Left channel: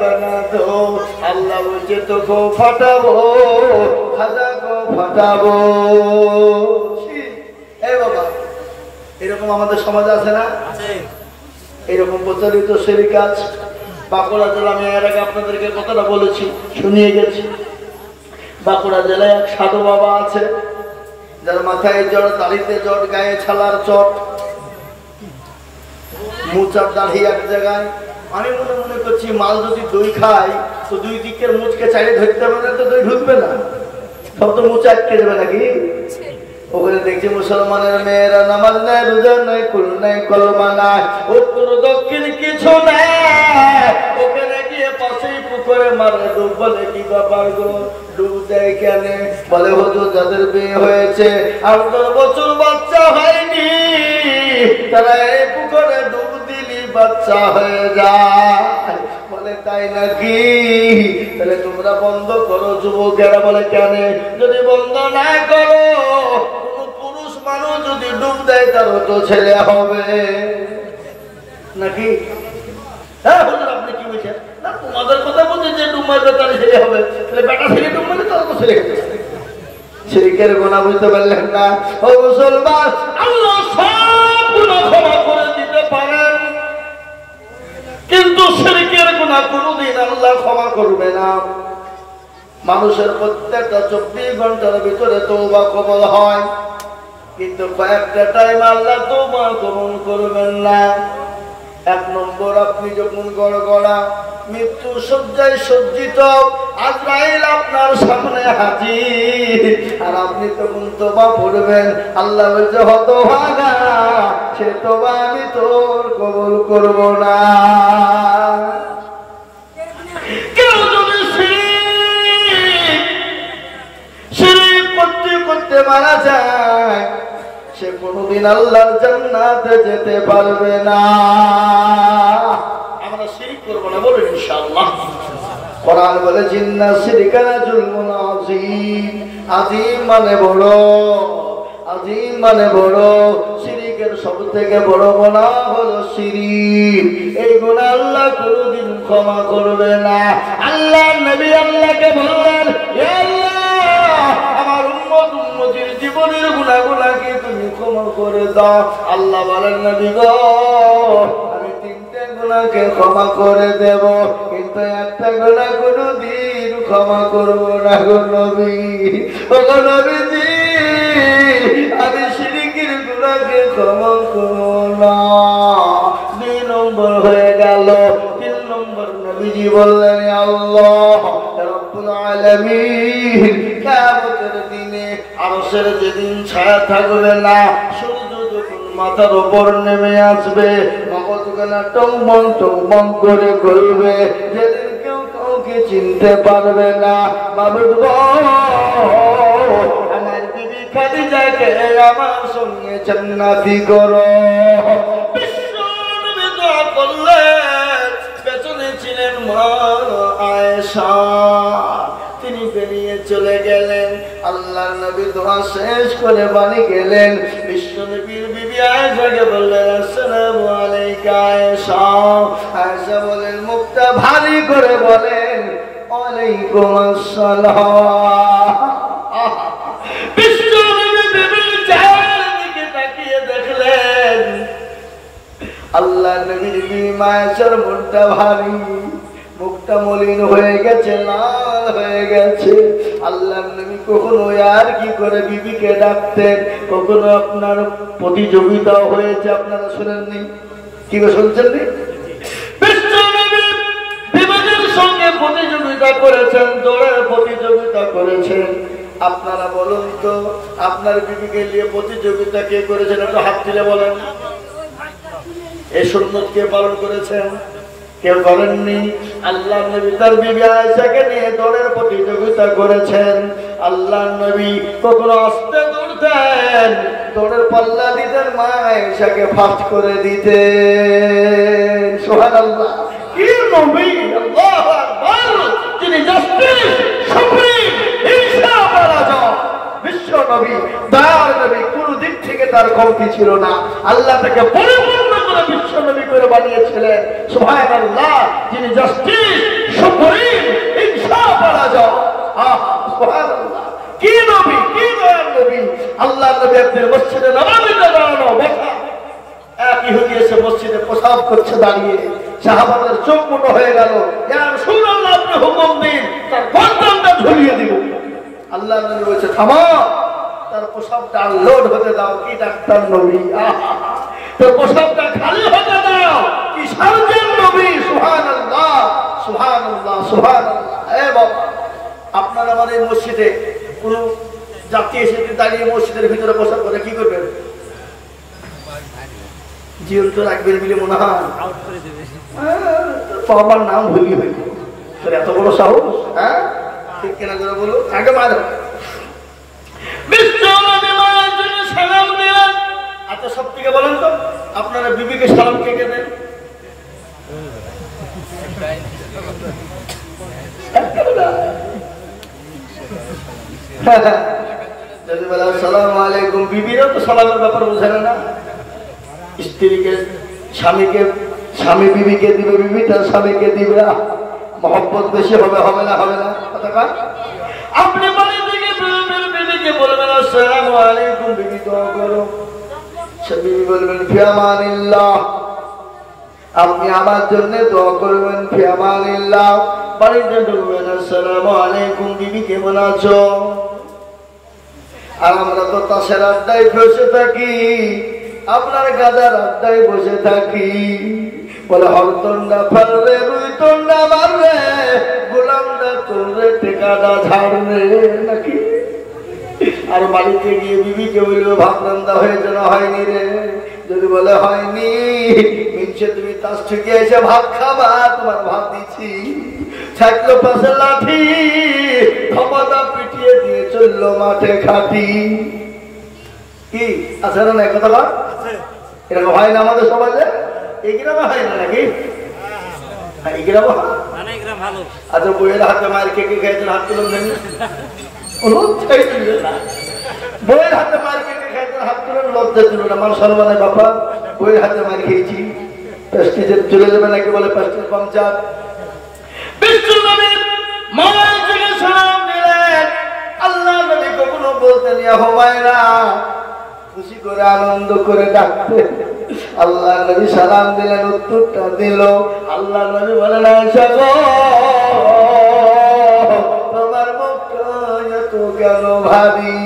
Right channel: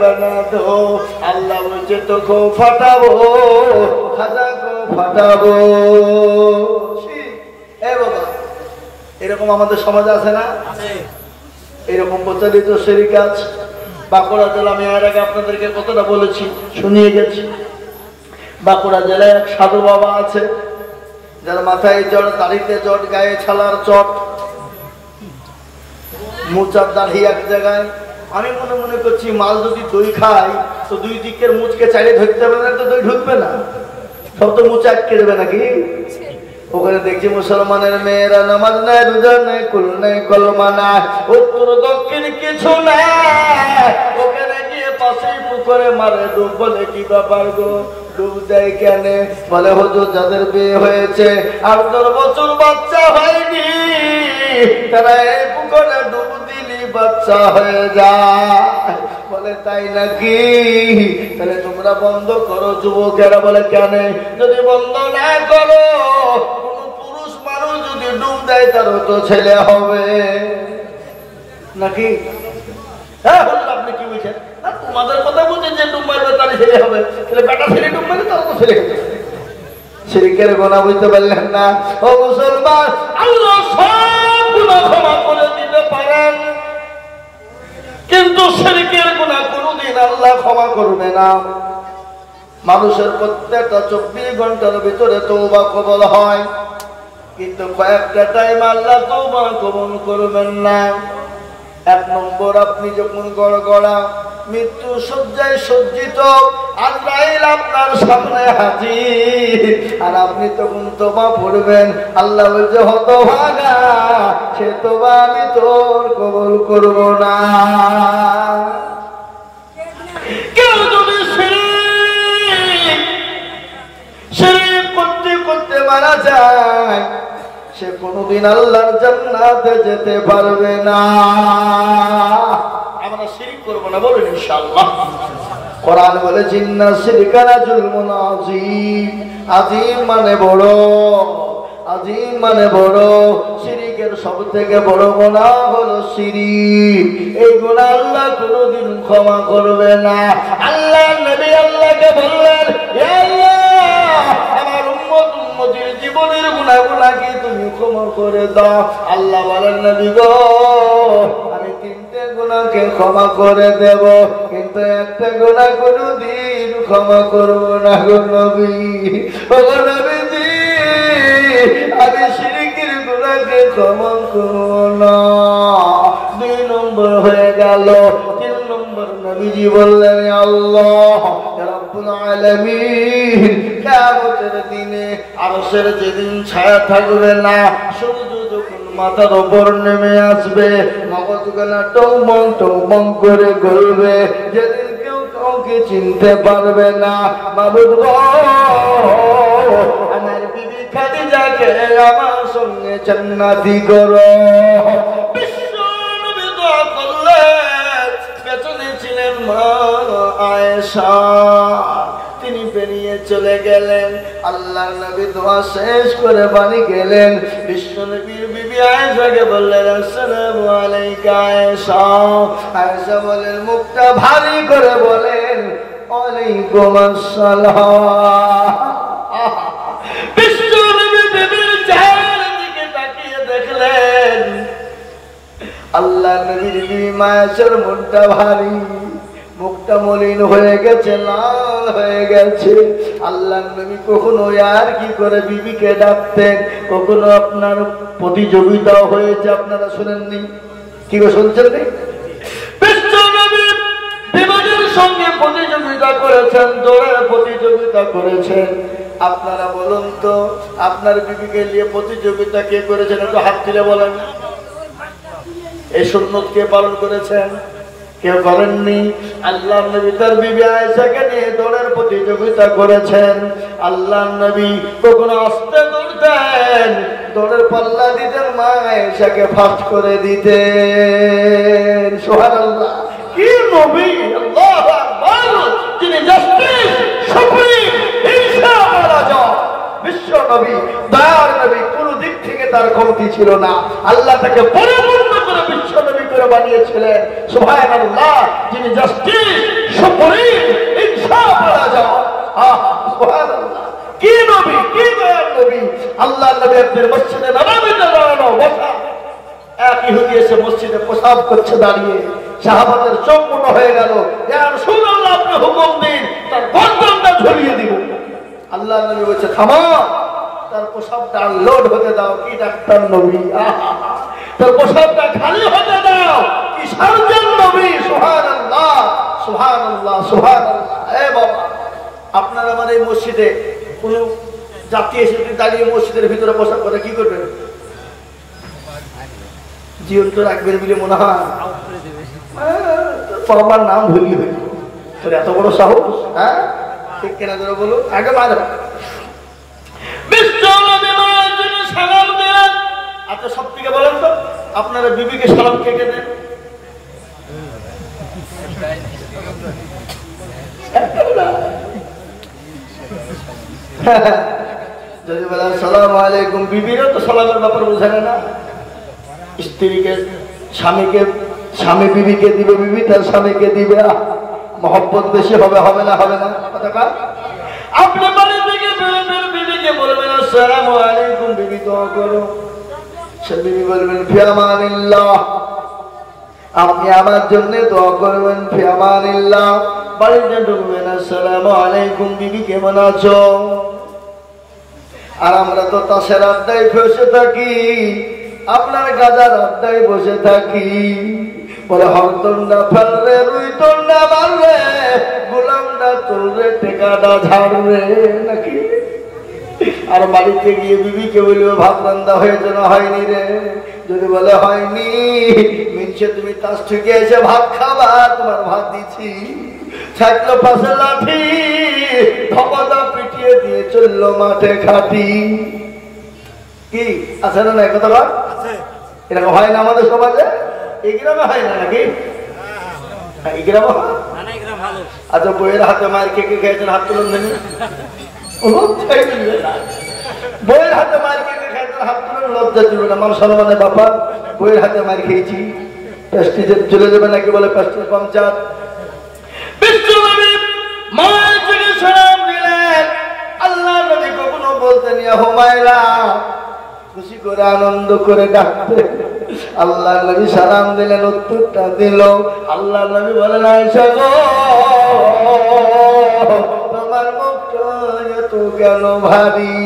बना दो अल्लाह मुझे तो को फटाबो खाजा को फटाबो ए बाबा এরকম আমাদের সমাজ আছে না আছে এরকম প্রচলিত শিরক আছে বাঁকুড়া জেলা আমি এর আগে আপনাদেরকে কতটা বলেছি শুনিয়ে গেছি বাঁকুড়া জেলায় এক সাধু বাবা আছে যার মাথায় জট দাড়িতে জট গায়ে ছালার চট মোচার দাড়ি এক জায়গায় আমি মনে করছি মাল যদি দই খাই তো দুই দিকের মুচকে চাইলে ধরতে হবে না তো দই ঢুকবে না সব তো মুচা আটকে দেবে নাকি ওখানে দেখছি মুসলমানের মেয়েরা নামাজ নেই রোজা নেই কুল নেই কলমা নাই উত্তর দক্ষিণ কিছু নেই ওখানে গিয়ে পাশেই পুকুরে মারে ডুব বলে কি ব্যাপার গো ডুব দেয় কেন বলে হুজুর যাদের বিয়ে হয়েছে 8 বছর বাচ্চা হয়নি তারা এই পুকুরে ডুব দিলি বাচ্চা হয়ে যায় বলে তাই নাকি তাহলে তোমরা বন্ধ করো যুবকেরা বলে কেন যদি বন্ধ না করো যদি ডুব দেয় তার তো ছেলে হবে নাকি হ্যাঁ হুজুর আপনি কি বলছেন তোমাদের কথা বলছেন যে ডুব মারবে তার ছেলে হবে তাহলে বেটা ছেলে ডুব মারবে তার তো ছেলে হবে শিরকের গুনাহ বুঝতে পারলেন না ও মুসলমান আল্লাহ সব গুনাহ ক্ষমা করে দিতে পারেন কিন্তু শিরকের গুনাহ কোনোদিন আল্লাহ ক্ষমা করবে না মানুষের প্রত্যেকটা 24 ঘন্টার ভিতরে তওবা কবুল হয় কিন্তু কয়েকটা টাইম আল্লাহ তওবা কবুল করবেন না 1 নম্বর আপনি যখন গড়গড়া মৃত্যু শয্যায় সজ্জিত আজরাইল আপনার সামনে হাজির আর আপনি তখন তওবা পড়বেন আল্লাহ বলছে হতভাগা সে তওবা আমি তোর কবুল করব না কেউ যদি শিরক করতে মারা যায় সে কোনদিন আল্লাহর জান্নাতে যেতে পারবে না আমরা শিরক করব না বলুন ইনশাআল্লাহ কোরআন বলে জিন্না শিরকা জুলমুন আযীম আযীম মানে বড় আযীম মানে বড় শিরকের সবথেকে বড় গুনাহ হলো শিরক এই গুনাহ আল্লাহ কোনদিন ক্ষমা করবে না আল্লাহ নবী আল্লাহকে বললেন হে আল্লাহ আমার উম্মতের জীবনের গুনাহগুলোকে তুমি ক্ষমা করে দাও আল্লাহ বলেন নবী গো আমি 3টে গুনাহকে ক্ষমা করে দেব কিন্তু একটা গুনাহ কোনদিন ক্ষমা করব না গো নবী ও নবীজি আমি শিরকের গুনাহকে ক্ষমা করব না 2 নম্বর হয়ে গেল 3 নম্বর নবীজি বললেন আল্লাহ রব্বুল আলামিন কিয়ামতের দিনে আরশের যেদিন ছায়া থাকবে না সূর্য যখন মাথার উপর নেমে আসবে মগজগুলো টুমটুম করে ঘুরবে যেদিন কেউ কাউকে চিনতে পারবে না মাবুদ গো আমার বিবি খাদিজাকে আমার সঙ্গে জান্নাতি করো বিশ্ব নবী দোয়া করলেন পেছনে ছিলেন মা আয়েশা তিনি বেরিয়ে চলে গেলেন আল্লাহ নবী দোয়া শেষ করে বাড়ি গেলেন বিশ্ব নবীর বিবি আয়েশাকে বললেন আসসালামু আলাইকা আয়েশা আয়েশা বলেন মুখটা ভারী করে বলেন ওয়ালাইকুম আসসালাম বিশ্ব নবী বিবির চেহারার দিকে তাকিয়ে দেখলেন আল্লাহ নবীর বিবি আয়েশার মুখটা ভারী মুখটা মলিন হয়ে গেছে লাল হয়ে গেছে আল্লাহ নবী কখনো আর কি করে বিবিকে ডাকতেন কখনো আপনার প্রতিযোগিতা হয়েছে আপনারা শুনেননি কি গো শুনছেন নি বিশ্ব নবী বিবাহের সঙ্গে প্রতিযোগিতা করেছেন দৌড়ের প্রতিযোগিতা করেছেন আপনারা বলুন তো আপনার বিবিকে নিয়ে প্রতিযোগিতা কে করেছেন একটু হাত তুলে বলেন এই সুন্নত কে পালন করেছেন কেউ করেননি আল্লাহ নবী তার বিবি আয়েশাকে নিয়ে দৌড়ের প্রতিযোগিতা করেছেন আল্লাহ নবী কখনো আস্তে দৌড়তেন দৌড়ের পাল্লা দিতেন মা আয়েশাকে ফাস্ট করে দিতেন সুবহানাল্লাহ কি নবী আল্লাহু আকবার যিনি জাস্টিস সুপ্রিম ইনসাফ রাজা বিশ্ব নবী দয়ার নবী কোন দিক থেকে তার কমতি ছিল না আল্লাহ তাকে পরিপূর্ণ করে বিশ্ব নবী করে বানিয়েছিলেন সুবহানাল্লাহ যিনি জাস্টিস সুপ্রিম হিংসা করা যায়। সুবহানাল্লাহ, কি নবী, কি দয়ার নবী। আল্লাহ নবী একদিন মসজিদে নববীতে দাঁড়ানো, বসা এক ইহুদি এসে মসজিদে প্রসাব করছে দাঁড়িয়ে। সাহাবাদের চোখ মোটা হয়ে গেল। ইয়া রাসূলুল্লাহ, আপনি হুকুম দিন, তার গর্দনটা ঝুলিয়ে দিব। আল্লাহ নবী বলছে থামো, তার প্রসাবটা লোড হতে দাও। কি ডাক্তার নবী, তার প্রসাবটা খালি হতে দাও। কি সার্জন নবী। সুবহানাল্লাহ, সুবহানাল্লাহ, সুবহানাল্লাহ। এ বাবা, আপনারা আমার এই মসজিদে কোন জাতি এসে দাঁড়িয়ে মসজিদের ভিতরে প্রসাব করে কি করবেন? জীবন্ত রাখবেন বলে মনে হয়? আমার নাম ভুলি হইল, তোর এত বড় সাহস? হ্যাঁ, ঠিক কেনা করে বলো। আগে মারা সালাম দেন। আচ্ছা, সব থেকে বলেন তো, আপনারা বিবিকে সালাম কে কে দেন? যদি বলেন আসসালামু আলাইকুম, বিবিরও তো সালামের ব্যাপার বোঝে না। স্ত্রীকে স্বামীকে, স্বামী বিবিকে দিবে, বিবি তার স্বামীকে দিবে। মহব্বত বেশি হবে, হবে না? হবে না? আপনি বাড়ি থেকে বিবিকে বলবেন আসসালামু আলাইকুম, বিবি দোয়া করো। সে বিবি বলবেন ফি আমানিল্লাহ, আপনি আমার জন্য দোয়া করবেন ফি আমানিল্লাহ। বাড়িতে ঢুকবেন আসসালামু আলাইকুম, বিবি কেমন আছো? আর আমরা তো তাসের আড্ডায় বসে থাকি, আপনার গাজার আড্ডায় বসে থাকি। বলে হরতন্ডা ফালরে, রুই তন্ডা মারলে, গোলামটা তুলরে, টেকাটা ঝাড়বে নাকি? আর বাড়িতে গিয়ে বিবিকে বলবে ভাত রান্না হয়েছে না হয়নি রে? যদি বলে হয়নি, মিনছে তুমি তাস থেকে এসে ভাত খাবা, তোমার ভাত দিচ্ছি। ছাকলো পাশে লাঠি, ধপদা পিটিয়ে দিয়ে চললো মাঠে খাটি। কি আছে না কথা? এরকম হয় না আমাদের সমাজে? এই গ্রামে হয় না নাকি? এই গ্রামে ভালো। আচ্ছা, বইয়ের হাতে মায়ের কে কে খেয়েছেন? হাত তুলুন। বইয়ের হাতে মায়ের কে কে খেয়েছেন? হাত তুলুন। লজ্জা তুলুন। আমার সর্বনে বাবা বইয়ের হাতে মায়ের খেয়েছি। প্রেস্টিজে চলে যাবে নাকি? বলে প্রেস্টিজ পঞ্চায়েত। বিশ্বনবী মায়ের থেকে সালাম দিলেন। আল্লাহ নবী কখনো বলতেন ইয়া হুমায়রা, খুশি করে আনন্দ করে ডাকতে। আল্লাহ নবী সালাম দিলেন, উত্তরটা দিল। আল্লাহ নবী বলেন আয়েশা গো, তোমার মুখটা এত কেন ভারী?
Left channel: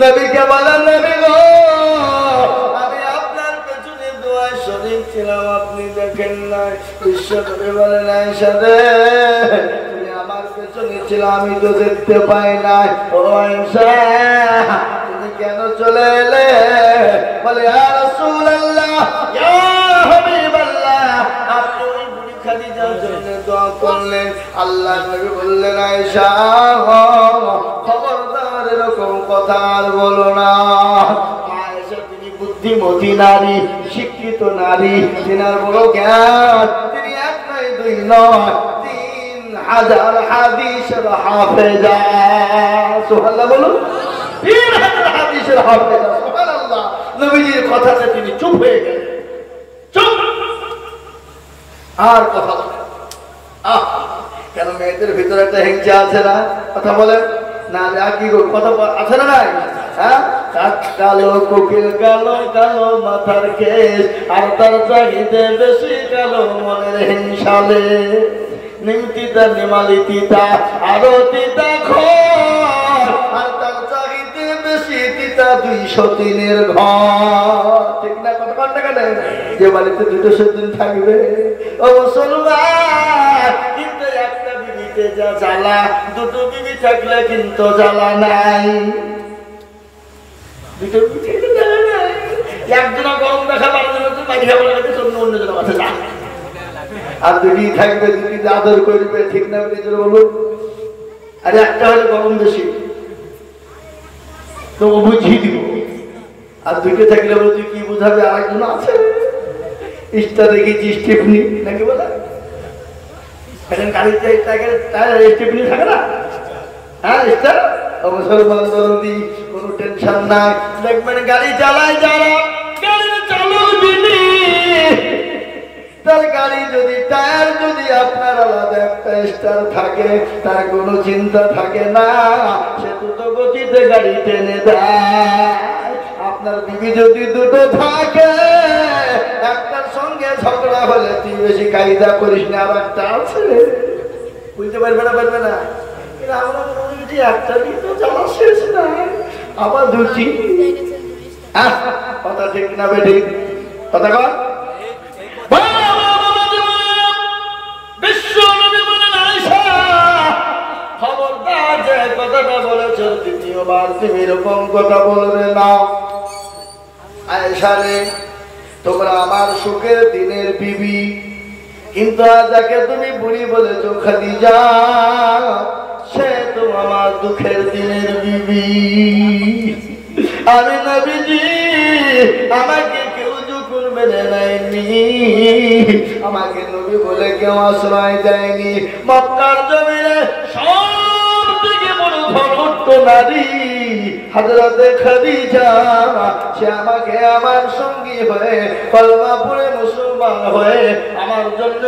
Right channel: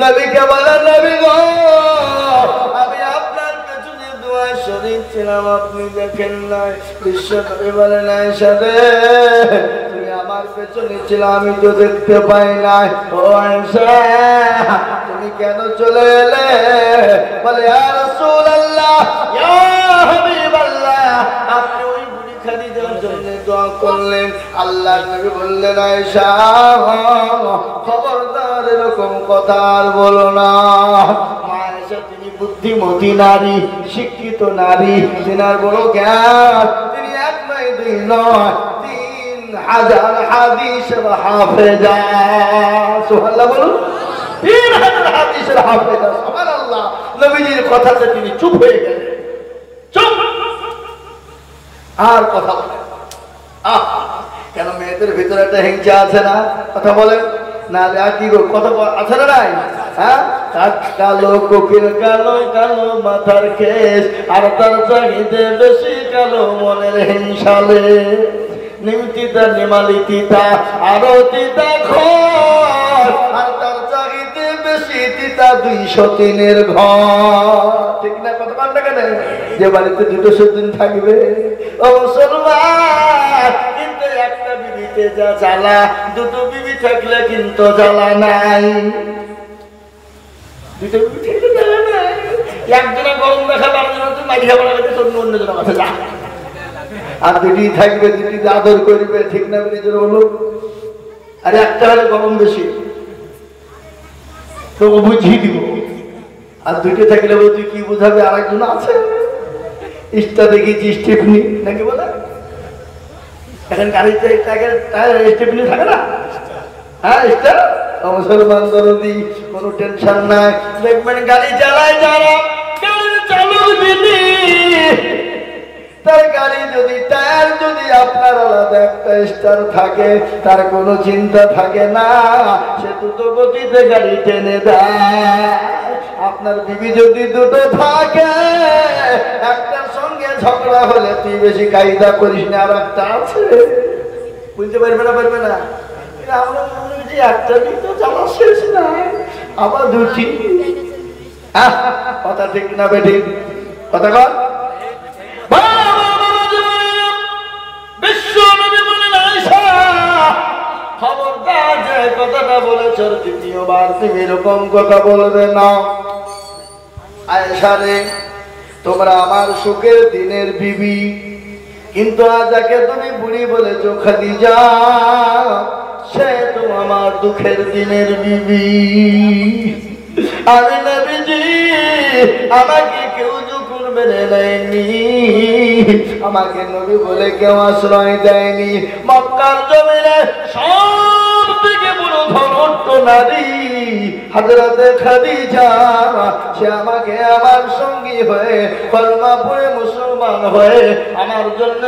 নবীকে বলেন নবী গো, আমি আপনার পেছনে দোয়া শরীক ছিলাম, আপনি দেখেন নাই। বিশ্ব নবী বলেন আয়েশা রে, তুমি আমার পেছনে ছিল, আমি তো দেখতে পাই নাই। ও আয়েশা, তুমি কেন চলে এলে? বলে ইয়া রাসূলুল্লাহ, ইয়া হাবিবাল্লাহ, আপনি ওই বুড়ি খাদিজার জন্য দোয়া করলেন। আল্লাহ নবী বললেন আয়েশা, খবরদার এরকম কথা আর বলো না। আয়েশা তিনি বুদ্ধিমতী নারী, শিক্ষিত নারী, তিনার বড় জ্ঞান। তিনি এক নয়, দুই নয়, 3000 হাদিসের হাফেজা। সুবহানাল্লাহ বলুন। 3000 হাদিসের হাফেজা। সুবহানাল্লাহ। নবীজির কথাতে তিনি চুপ হয়ে গেলেন। চুপ, আর কথা কেন? মেয়েদের ভিতরে একটা হিংসা আছে না? কথা বলেন না? কি কথা আছে না? নাই? হ্যাঁ, কালো কোকিল, কালো কালো মাথার কেশ, আর তার চাহিদা বেশি কালো মনের হিংসালে। নিমতিতা নিমালি তিতা, আরো তিতা ঘর, আর তার চাহিদা বেশি তিতা 203 ঘর। ঠিক না? কথা কান্না কেন? যে বাড়িতে 200 দিন থাকবে ও মুসলমান, কিন্তু একটা বিবিতে যা জ্বালা, 2 বিবি থাকলে কিন্তু জ্বালা নাই। 2 বিবি থাকলে জ্বালা নাই। একজনা গরম দেখালে আপনার হচ্ছে মাঝি খাবার লাগাতে অন্যজনের মাথা যা। আর 2টি থাকবে, 2টি আদর করবে। ঠিক না? নিজের বলুন। আর একটা হলে গরম বেশি, তো বুঝিয়ে দিব। আর 2টি থাকলে তুই কি বুঝাবে? আরেকজন আছে, ইস্টা দেখিয়েছি, স্টিফনি নাকি বলে। এখন গাড়িতে স্টিফনি থাকে না? হ্যাঁ, ইস্টা। মুসলমান দরদি, কোনো টেনশন নাই। দেখবেন গাড়ি চালায় যারা, গাড়ির চালক বিনি, তার গাড়ি যদি টায়ার যদি আপনার আলাদা একটা স্টার থাকে, তার কোনো চিন্তা থাকে না, সে দুটো গতিতে গাড়ি টেনে দেয়। আপনার বিবি যদি দুটো থাকে, একটার সঙ্গে ঝগড়া হলে তুই বেশি কায়দা করিস না, আর একটা আছে, বুঝতে পারবে না, পারবে না। একটা দিন তো জামা শেষ না, আবার দুটি। কথা ঠিক না বেঠিক? কথা কর। বিশ্ব নবী বলেন, আয়েশা খবরদার, যে কথাটা বলেছ দ্বিতীয়বার তুমি এরকম কথা বলবে না। আয়েশা রে, তোমরা আমার সুখের দিনের বিবি, কিন্তু আজ যাকে তুমি বুড়ি বলেছ খাদিজা, সে তো আমার দুঃখের দিনের বিবি। আমি নবীজি, আমাকে কেউ যখন মেনে নেয়নি, আমাকে নবী বলে কেউ আশ্রয় দেয়নি। মক্কার জমিনে সবথেকে বড় ধনট্ট নারী হযরতে খাদিজা, সে আমাকে আমার সঙ্গী হয়ে কলমা পড়ে মুসলমান হয়ে আমার জন্য